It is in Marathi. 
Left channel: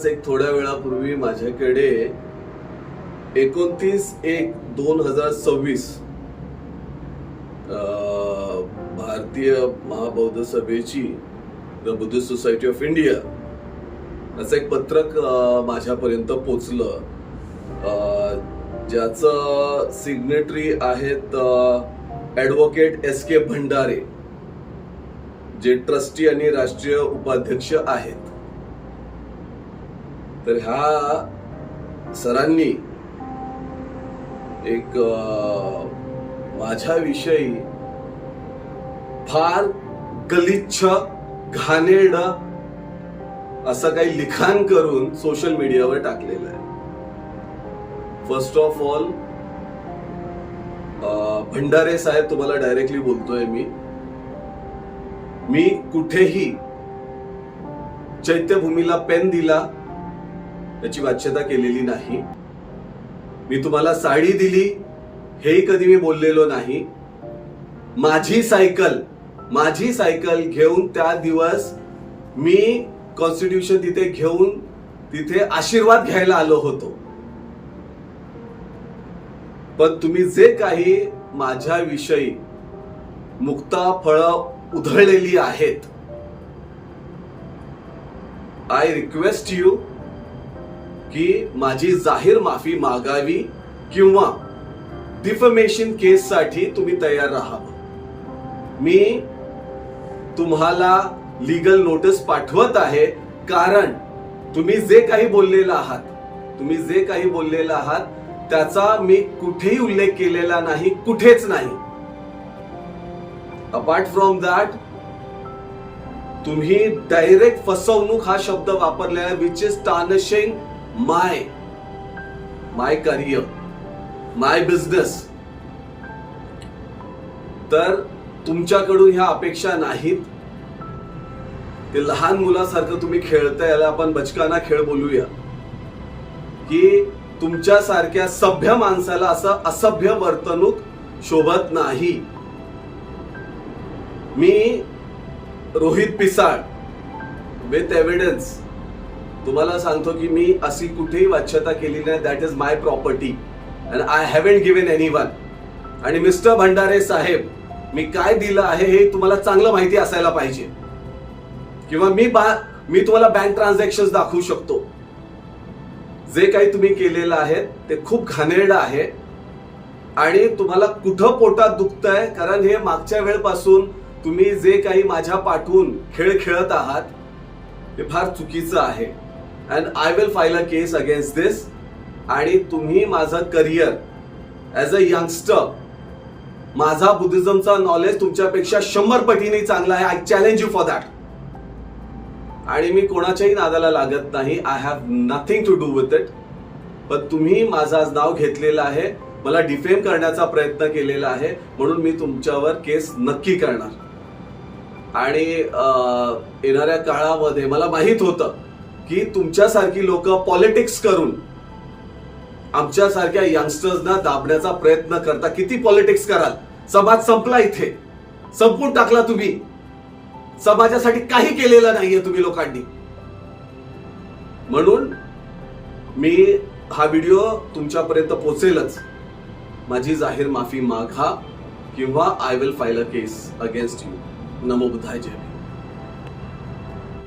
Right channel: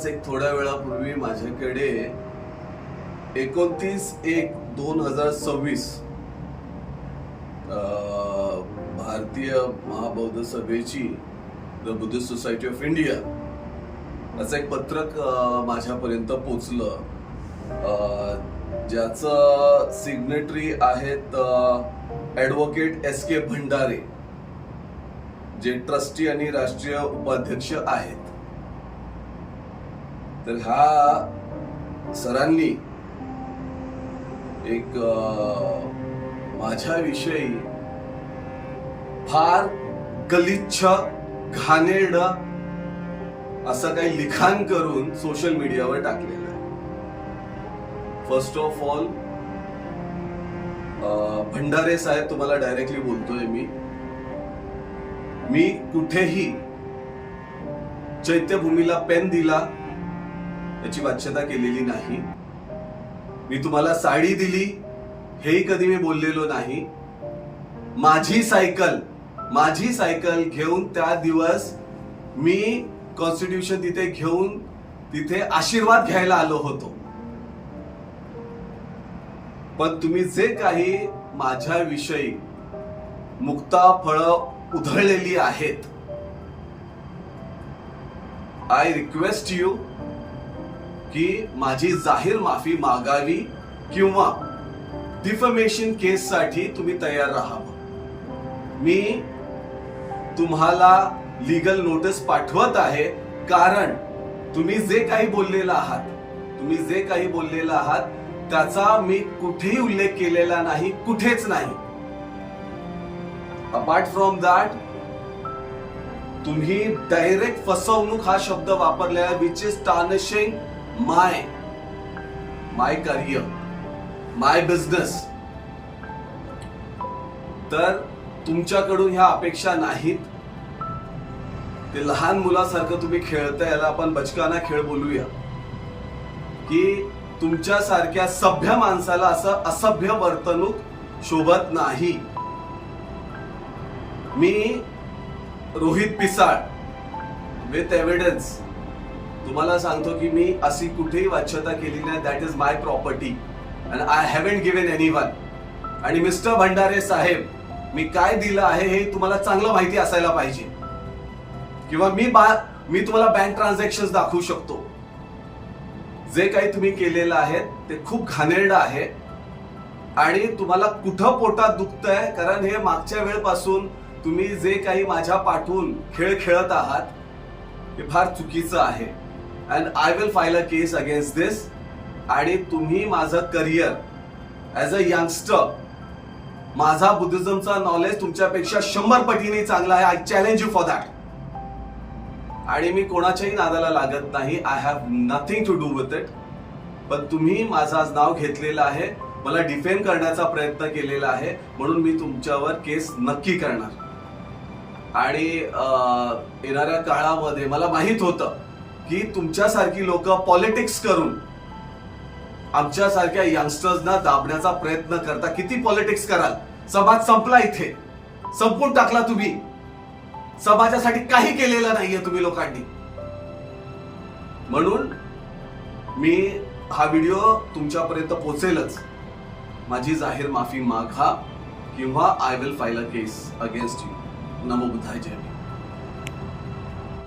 आत्ताच एक थोड्या वेळापूर्वी माझ्याकडे एकोणतीस एक दोन हजार सव्वीस भारतीय महाबौद्ध सभेची the Buddhist society of India असं एक पत्रक माझ्यापर्यंत पोचलं. ज्याचं सिग्नेटरी आहेत ॲडव्होकेट एस के भंडारे जे ट्रस्टी आणि राष्ट्रीय उपाध्यक्ष आहेत. तर ह्या सरांनी एक माझ्याविषयी फार गलिच्छ घाणेरड असं काही लिखाण करून सोशल मीडियावर टाकलेलं आहे. फर्स्ट ऑफ ऑल भंडारे साहेब तुम्हाला डायरेक्टली बोलतोय मी. मी कुठेही चैत्यभूमीला पेन दिला याची वाच्यता केलेली नाही. मी तुम्हाला साडी दिली हेही कधी मी बोललेलो नाही. माझी सायकल माझी सायकल घेऊन त्या दिवस मी कॉन्स्टिट्यूशन तिथे घेऊन तिथे आशीर्वाद घ्यायला आलो होतो. पण तुम्ही जे काही माझ्याविषयी मुक्ता फळं उधळलेली आहेत आय रिक्वेस्ट यू की माझी जाहीर माफी मागावी किंवा डिफमेशन केससाठी तुम्ही तयार राहावं मी तुम्हाला लीगल नोटीस पाठवत आहे कारण तुम्ही जे काही बोललेलं आहात तुम्ही जे काही बोललेलं आहात त्याचा मी कुठेही उल्लेख केलेला नाही कुठेच नाही. अपार्ट फ्रॉम दॅट तुम्ही डायरेक्ट फसवणूक हा शब्द वापरलेला which is tarnishing my my career my business तर तुमच्याकडून ह्या अपेक्षा नाहीत. ते लहान मुलासारखं तुम्ही खेळता याला आपण बचकाना खेळ बोलूया. की तुमच्यासारख्या सभ्य माणसाला असं असभ्य वर्तणूक शोभत नाही. मी रोहित पिसाळ विथ एव्हिडन्स तुम्हाला सांगतो की मी अशी कुठेही वाच्यता केली नाही. That is my property and I haven't given anyone आणि मिस्टर भंडारे साहेब मी काय दिलं आहे हे तुम्हाला चांगलं माहिती असायला पाहिजे. किंवा मी बा मी तुम्हाला बँक ट्रान्झॅक्शन दाखवू शकतो. जे काही तुम्ही केलेलं आहे ते खूप घाणेरडं आहे. आणि तुम्हाला कुठं पोटात दुखतंय कारण हे मागच्या वेळपासून तुम्ही जे काही माझ्या पाठवून खेळ खेळत आहात हे फार चुकीचं आहे. And I will file a case against this आणि तुम्ही माझं करिअर ॲज अ यंगस्टर माझा बुद्धिझमचा नॉलेज तुमच्यापेक्षा शंभर पटीने चांगला आहे. I challenge you for that आणि मी कोणाच्याही नादाला लागत नाही. I have nothing to do with it पण तुम्ही माझं आज नाव घेतलेलं आहे. मला डिफेम करण्याचा प्रयत्न केलेला आहे. म्हणून मी तुमच्यावर केस नक्की करणार. आणि येणाऱ्या काळामध्ये मला माहीत होतं की तुमच्यासारखी लोक पॉलिटिक्स करून आमच्यासारख्या यंगस्टर्सना दाबण्याचा प्रयत्न करता. किती पॉलिटिक्स कराल? समाज संपला इथे. संपून टाकला तुम्ही. समाजासाठी काही केलेलं नाहीये तुम्ही लोकांनी. म्हणून मी हा व्हिडिओ तुमच्यापर्यंत पोचेलच. माझी जाहीर माफी मागा किंवा I will file a case against you नमो बुद्धाय जय